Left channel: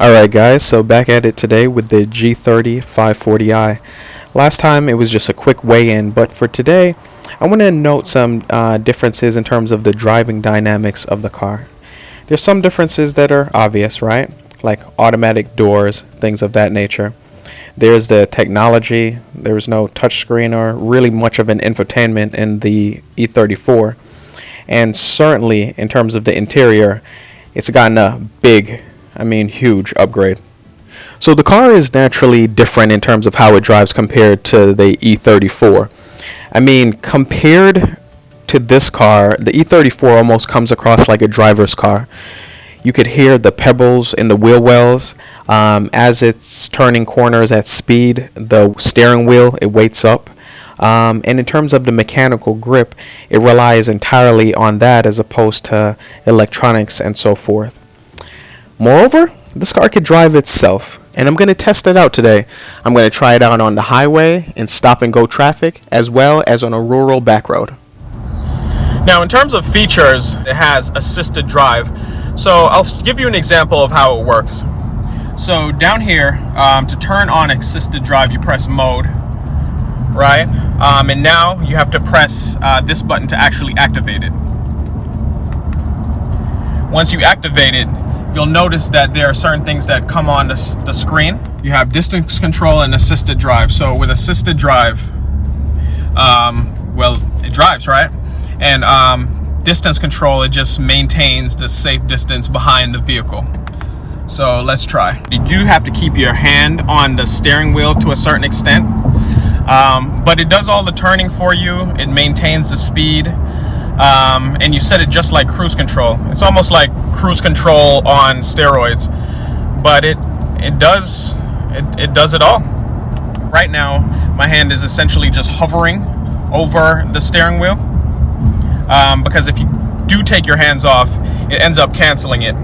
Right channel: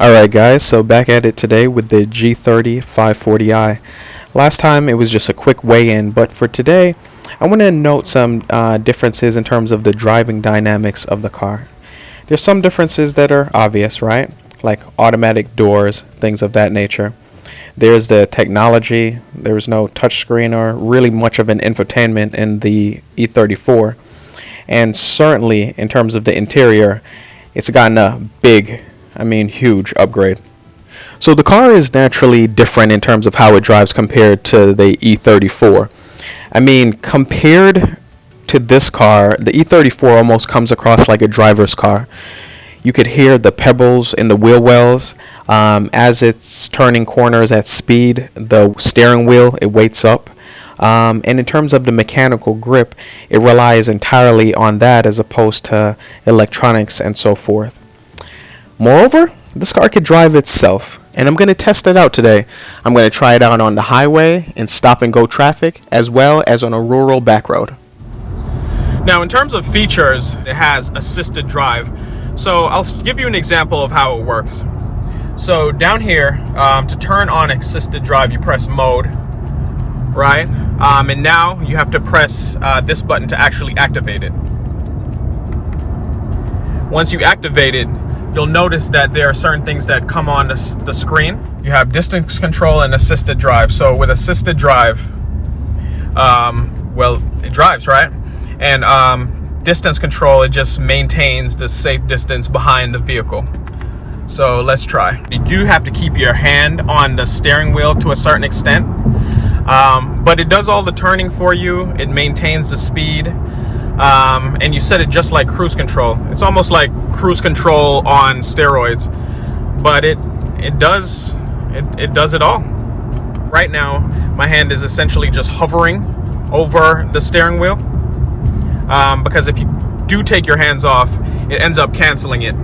Alright guys, so back at it today with the G30 540i. Last time it was just a quick weigh-in, but for today I want to note some differences in terms of the driving dynamics of the car. There's some differences that are obvious, right? Like automatic doors, things of that nature. There's the technology. There's no touchscreen or really much of an infotainment in the E34. And certainly in terms of the interior, it's gotten a huge upgrade. So the car is naturally different in terms of how it drives compared to the E34. Compared to this car, the E34 almost comes across like a driver's car. You could hear the pebbles in the wheel wells as it's turning corners at speed. The steering wheel, it weights up. And in terms of the mechanical grip, it relies entirely on that as opposed to electronics and so forth. Moreover, this car could drive itself, and I'm going to test it out today. I'm going to try it out on the highway in stop and go traffic as well as on a rural back road. Now in terms of features, it has assisted drive. So I'll give you an example of how it works. So down here, to turn on assisted drive, you press mode, right? And now you have to press this button to actually activate it. Once you activate it, you'll notice that there are certain things that come on the screen. You have distance control and assisted drive. So with assisted drive, it drives, right? And distance control, it just maintains the safe distance behind the vehicle. So let's try. You do have to keep your hand on the steering wheel to a certain extent, but it does all the turning for you. It maintains the speed. And you set it just like cruise control. It's almost like cruise control on steroids, but it does it all. Right now, my hand is essentially just hovering over the steering wheel, because if you do take your hands off, it ends up canceling it.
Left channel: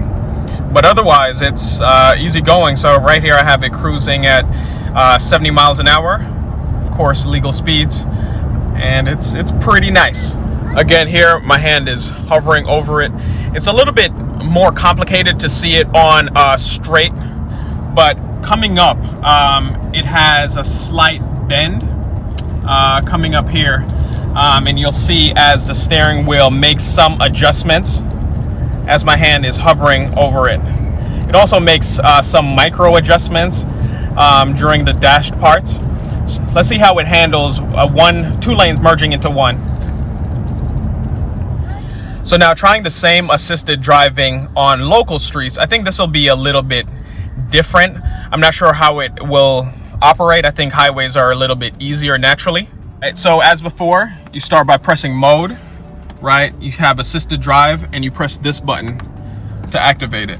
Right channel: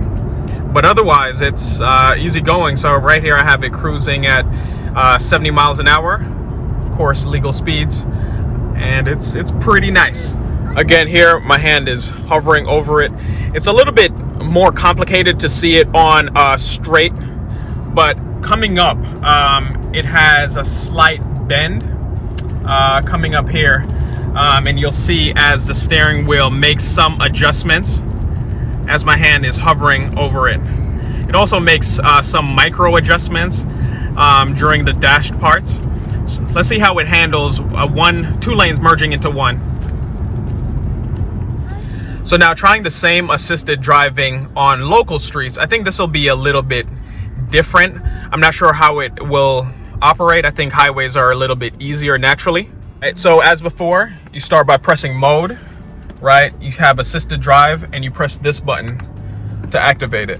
But otherwise, it's easy going. So right here, I have it cruising at 70 miles an hour, of course, legal speeds, and it's pretty nice. Again, here my hand is hovering over it. It's a little bit more complicated to see it on straight, but coming up, it has a slight bend coming up here, and you'll see as the steering wheel makes some adjustments as my hand is hovering over it. It also makes some micro adjustments during the dashed parts. So let's see how it handles two lanes merging into one. So now trying the same assisted driving on local streets, I think this will be a little bit different. I'm not sure how it will operate. I think highways are a little bit easier naturally. Right, so as before, you start by pressing mode, right? You have assisted drive and you press this button to activate it.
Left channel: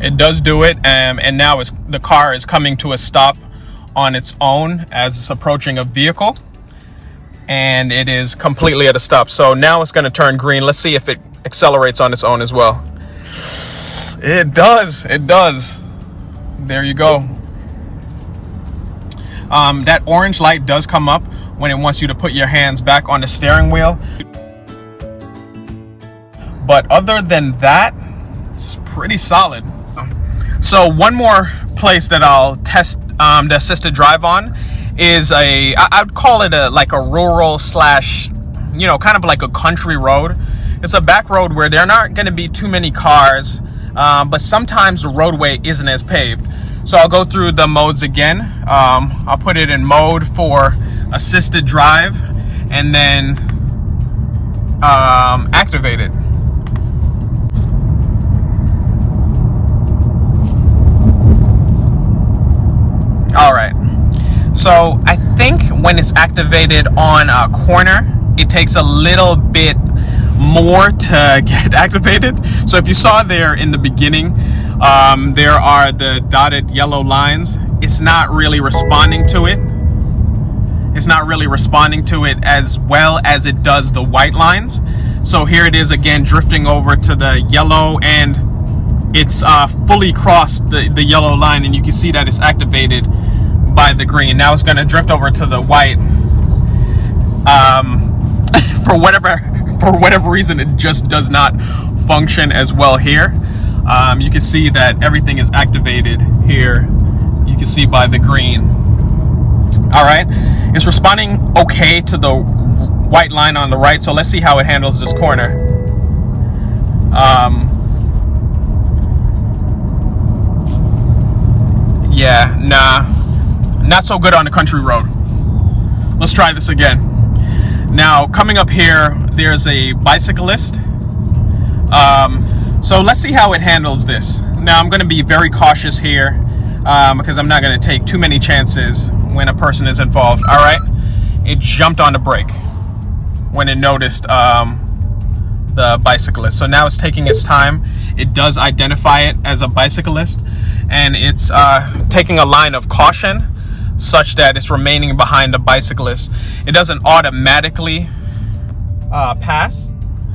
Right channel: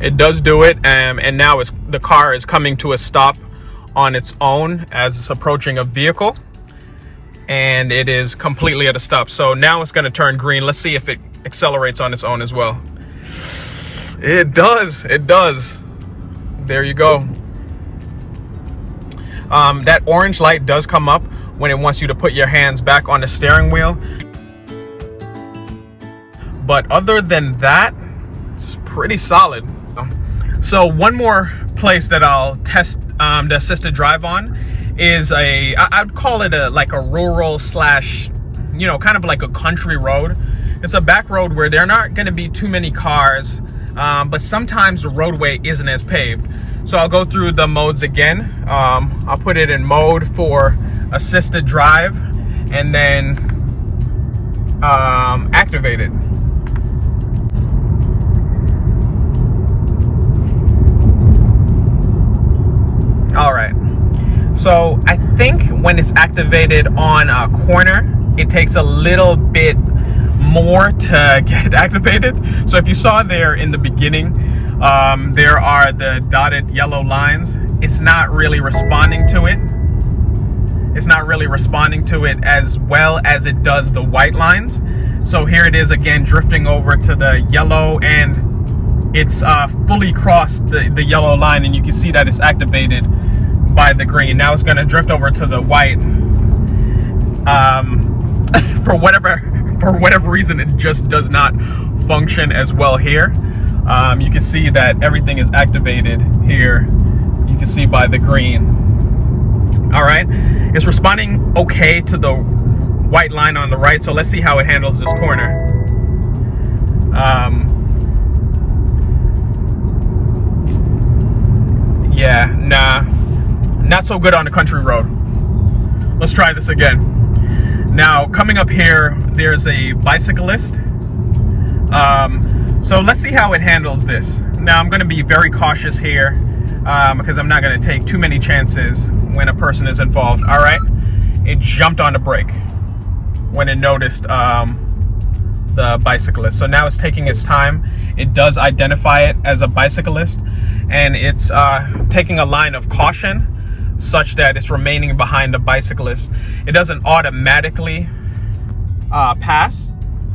It does do it, and now the car is coming to a stop on its own as it's approaching a vehicle, and it is completely at a stop. So now it's going to turn green. Let's see if it accelerates on its own as well. It does. There you go. That orange light does come up when it wants you to put your hands back on the steering wheel, but other than that, it's pretty solid. So one more place that I'll test the assisted drive on is I'd call it like a rural slash, kind of like a country road. It's a back road where there are not going to be too many cars, but sometimes the roadway isn't as paved. So I'll go through the modes again. I'll put it in mode for assisted drive and then activate it. All right, so I think when it's activated on a corner, it takes a little bit more to get activated. So if you saw there in the beginning, there are the dotted yellow lines. It's not really responding to it. It's not really responding to it as well as it does the white lines. So here it is again, drifting over to the yellow, and it's fully crossed the yellow line, and you can see that it's activated by the green. Now it's going to drift over to the white for whatever for whatever reason, it just does not function as well here. You can see that everything is activated here. You can see by the green. All right, it's responding okay to the white line on the right. So let's see how it handles this corner. Yeah, nah, not so good on the country road. Let's try this again. Now, coming up here, there's a bicyclist. So let's see how it handles this. Now, I'm going to be very cautious here because I'm not going to take too many chances when a person is involved. All right, it jumped on the brake when it noticed the bicyclist. So now it's taking its time. It does identify it as a bicyclist, and it's taking a line of caution such that it's remaining behind the bicyclist. It doesn't automatically pass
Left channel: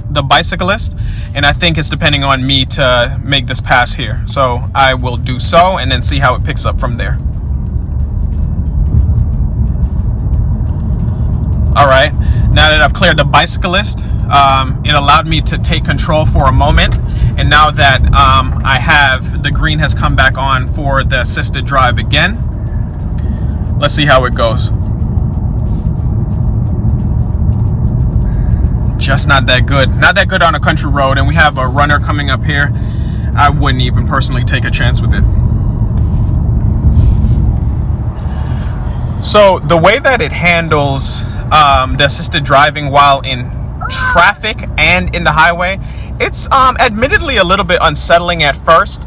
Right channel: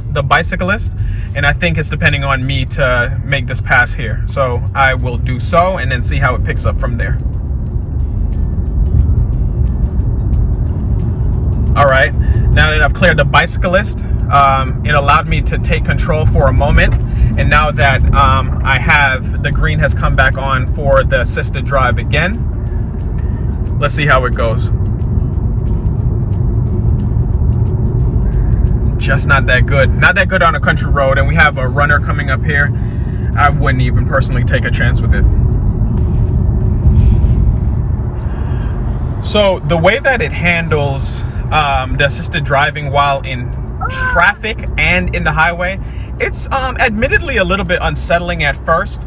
the bicyclist, and I think it's depending on me to make this pass here. So I will do so and then see how it picks up from there. All right, now that I've cleared the bicyclist, it allowed me to take control for a moment, and now that I have, the green has come back on for the assisted drive again. Let's see how it goes. Just not that good. Not that good on a country road, and we have a runner coming up here. I wouldn't even personally take a chance with it. So the way that it handles the assisted driving while in traffic and in the highway, it's admittedly a little bit unsettling at first,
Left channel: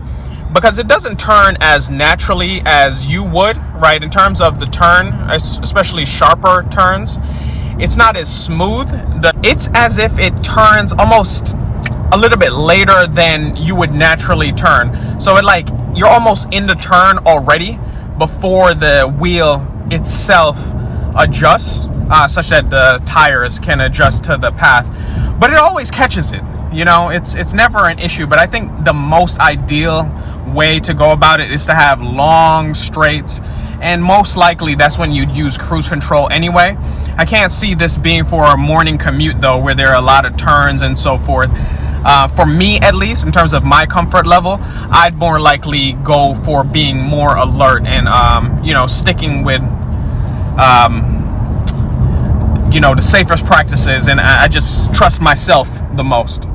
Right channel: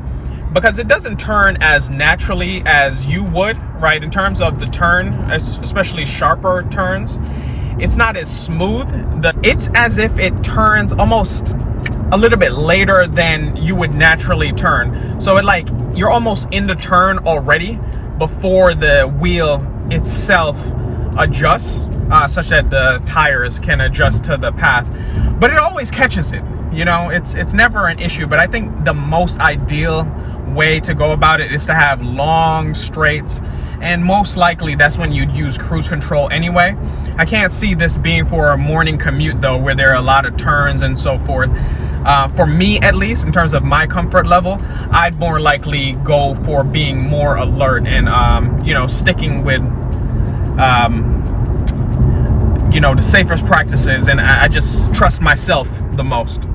because it doesn't turn as naturally as you would, right? In terms of the turn, especially sharper turns, it's not as smooth. It's as if it turns almost a little bit later than you would naturally turn. So you're almost in the turn already before the wheel itself adjusts, such that the tires can adjust to the path. But it always catches it. You know, it's never an issue. But I think the most ideal way to go about it is to have long straights, and most likely that's when you'd use cruise control anyway. I can't see this being for a morning commute though, where there are a lot of turns and so forth. For me, at least, in terms of my comfort level, I'd more likely go for being more alert and sticking with the safest practices, and I just trust myself the most.